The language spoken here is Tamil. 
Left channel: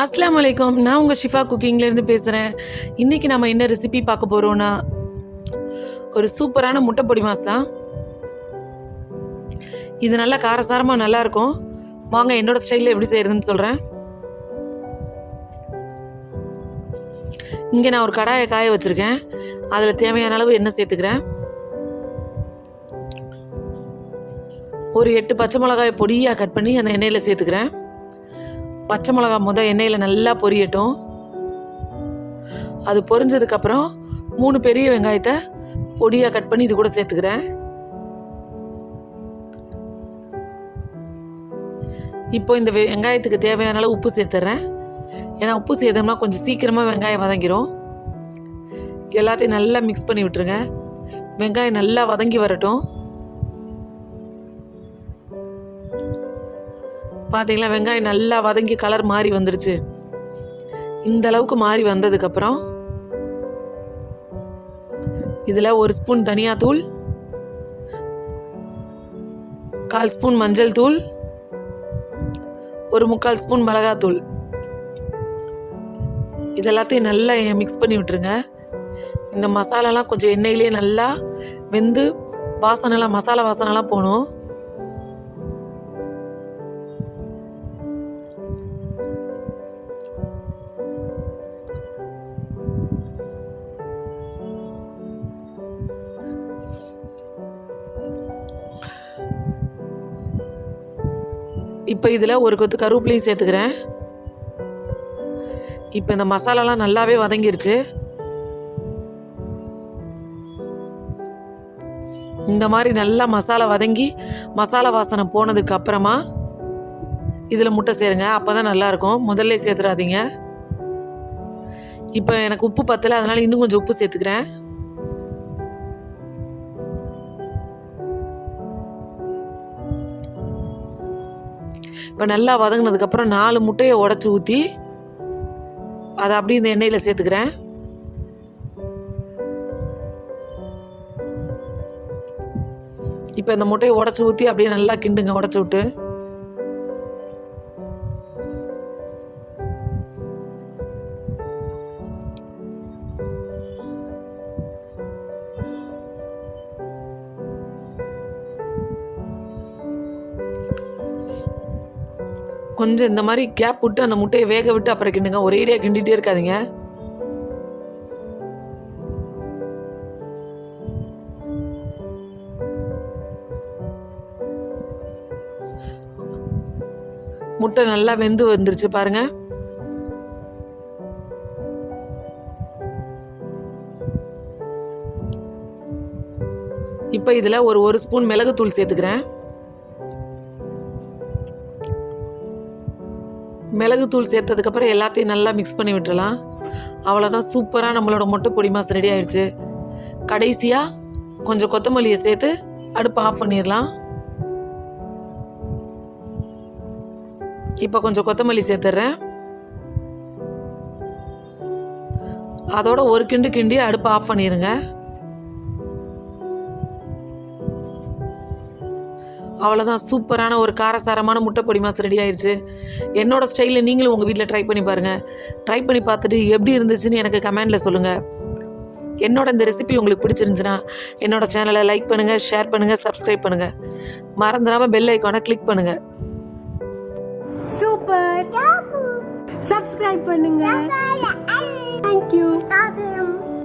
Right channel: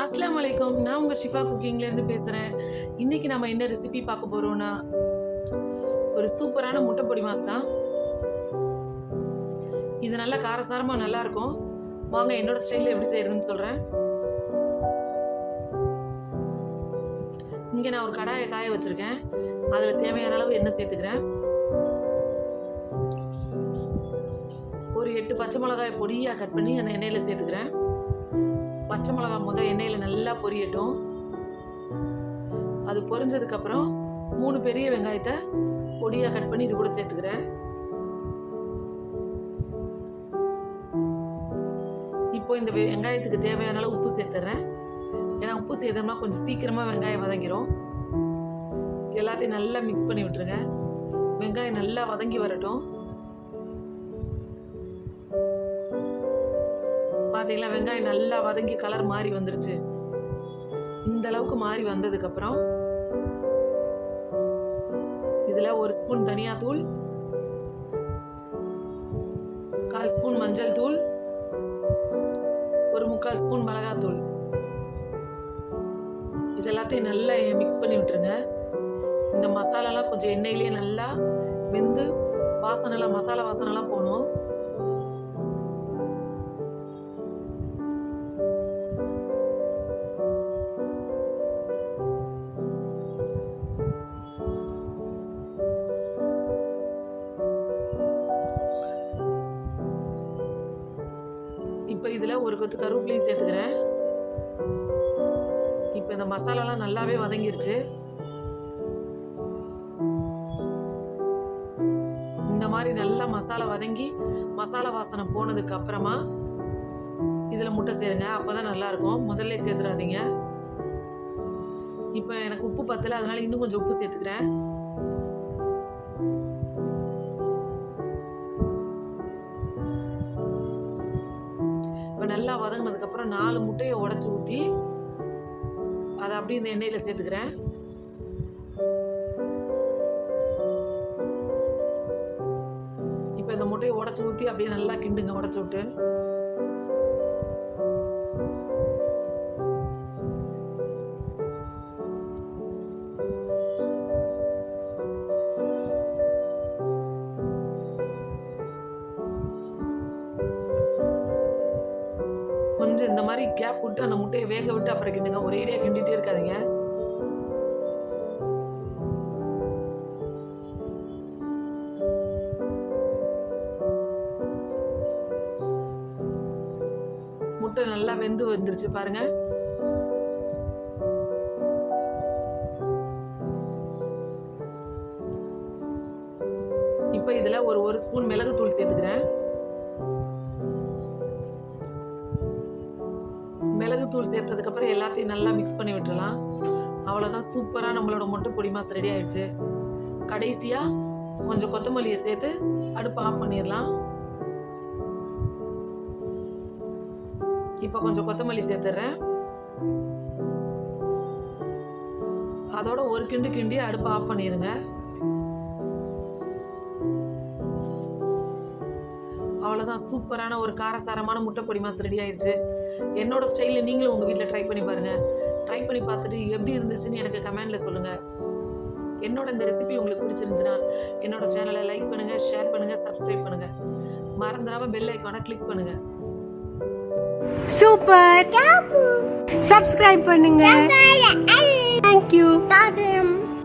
அஸ்ஸலாமு அலைக்கும். நான் உங்கள் ஷிஃபா குக்கிங்லேருந்து பேசுகிறேன். இன்றைக்கி நம்ம என்ன ரெசிபி பார்க்க போகிறோன்னா, ஒரு சூப்பரான முட்டை பொடி மாஸ் தான். இது நல்லா காரசாரமாக நல்லாயிருக்கும். வாங்க என்னோடய ஸ்டைலில் எப்படி செய்கிறதுன்னு சொல்கிறேன். இங்கே நான் ஒரு கடாயை காய வச்சுருக்கேன். அதில் தேவையான அளவு எண்ணெய் சேர்த்துக்கிறேன். ஒரு 8 பச்சை மிளகாயை பொடியாக கட் பண்ணி அந்த எண்ணெயில் சேர்த்துக்கிறேன். பச்சை மிளகா எண்ணெயில் நல்லா பொரியட்டும். அது பொரிஞ்சதுக்கப்புறம் 3 பெரிய வெங்காயத்தை பொடியாக கட் பண்ணி இது கூட சேர்த்துக்கிறேன். இப்போ இந்த வெங்காயத்துக்கு தேவையான அளவு உப்பு சேர்த்துறேன். ஏன்னா உப்பு சேர்த்தோம்னா கொஞ்சம் சீக்கிரமாக வெங்காயம் வதங்கிடும். எல்லாத்தையும் நல்லா மிக்ஸ் பண்ணி விட்டுருங்க. வெங்காயம் நல்லா வதங்கி வரட்டும். பார்த்தீங்களா, வெங்காயம் நல்லா வதங்கி கலர் மாறி வந்துருச்சு. இந்த அளவுக்கு மாறி வந்ததுக்கப்புறம் இதில் 1 ஸ்பூன் தனியாத்தூள், 1/4 ஸ்பூன் மஞ்சள் தூள், 1/4 ஸ்பூன் மிளகாத்தூள், இதெல்லாத்தையும் நல்லா மிக்ஸ் பண்ணி விட்டுருங்க. இந்த மசாலாலாம் கொஞ்சம் எண்ணெயிலே நல்லா வெந்து மசாலா வாசனைலாம் போகணும். இப்போ இதில் ஒரு கொத்து கருவேப்பிலையும் சேர்த்துக்கிறேன். இப்போ இந்த மசாலாலாம் நல்லாவே வதங்கிருச்சு. இந்த மாதிரி நல்லா மசாலா வதங்கி மசாலா வாசனை போனதுக்கு அப்புறமா இதில் முட்டை சேருங்க. அப்போ தான் நல்லாயிருக்கும். முதல்ல சேர்த்துடாதீங்க. இப்போ எனக்கு உப்பு பத்தலை, அதனால் இன்னும் கொஞ்சம் உப்பு சேர்த்துக்கிறேன். இப்போ நல்லா வதங்கினதுக்கப்புறம் 4 முட்டையை உடச்சி ஊற்றி அதை அப்படியே இந்த எண்ணெயில் சேர்த்துக்கிறேன். இப்போ இந்த முட்டையை உடச்சி ஊற்றி அப்படியே நல்லா கிண்டுங்க. உடச்சி விட்டு கொஞ்சம் இந்த மாதிரி கேப் விட்டு அந்த முட்டையை வேக விட்டு அப்புறம் கிண்டுங்க. ஒரேடியாக கிண்டிகிட்டே இருக்காதீங்க. முட்டை நல்லா வெந்து வந்துருச்சு பாருங்க. இப்போ இதில் ஒரு ஸ்பூன் மிளகுத்தூள் சேர்த்துக்கிறேன். மிளகுத்தூள் சேர்த்ததுக்கப்புறம் எல்லாத்தையும் நல்லா மிக்ஸ் பண்ணி விட்டுறலாம். அவ்வளோதான், சூப்பராக நம்மளோட முட்டை பொடி மாஸ் ரெடி ஆயிடுச்சு. கடைசியாக கொஞ்சம் கொத்தமல்லியை சேர்த்து அடுப்பை ஆஃப் பண்ணிடலாம். இப்போ கொஞ்சம் கொத்தமல்லி சேர்த்துட்றேன். அதோட ஒரு கிண்டி அடுப்பை ஆஃப் பண்ணிடுங்க. அவ்வளோதான், சூப்பரான ஒரு காரசாரமான முட்டை பொடி மாஸ் ரெடி ஆயிடுச்சு. என்னோட ஸ்டைலில் நீங்களும் உங்கள் வீட்டில் ட்ரை பண்ணி பாருங்கள். ட்ரை பண்ணி பார்த்துட்டு எப்படி இருந்துச்சுன்னு எனக்கு கமெண்டில் சொல்லுங்கள். என்னோட இந்த ரெசிபி உங்களுக்கு பிடிச்சிருந்துச்சுன்னா என்னோட சேனலை லைக் பண்ணுங்கள், ஷேர் பண்ணுங்கள், சப்ஸ்கிரைப் பண்ணுங்கள். மறந்துடாமல் பெல் ஐக்கானை கிளிக் பண்ணுங்கள். சூப்பர், சப்ஸ்கிரைப் பண்ணுங்க. தேங்க்யூ.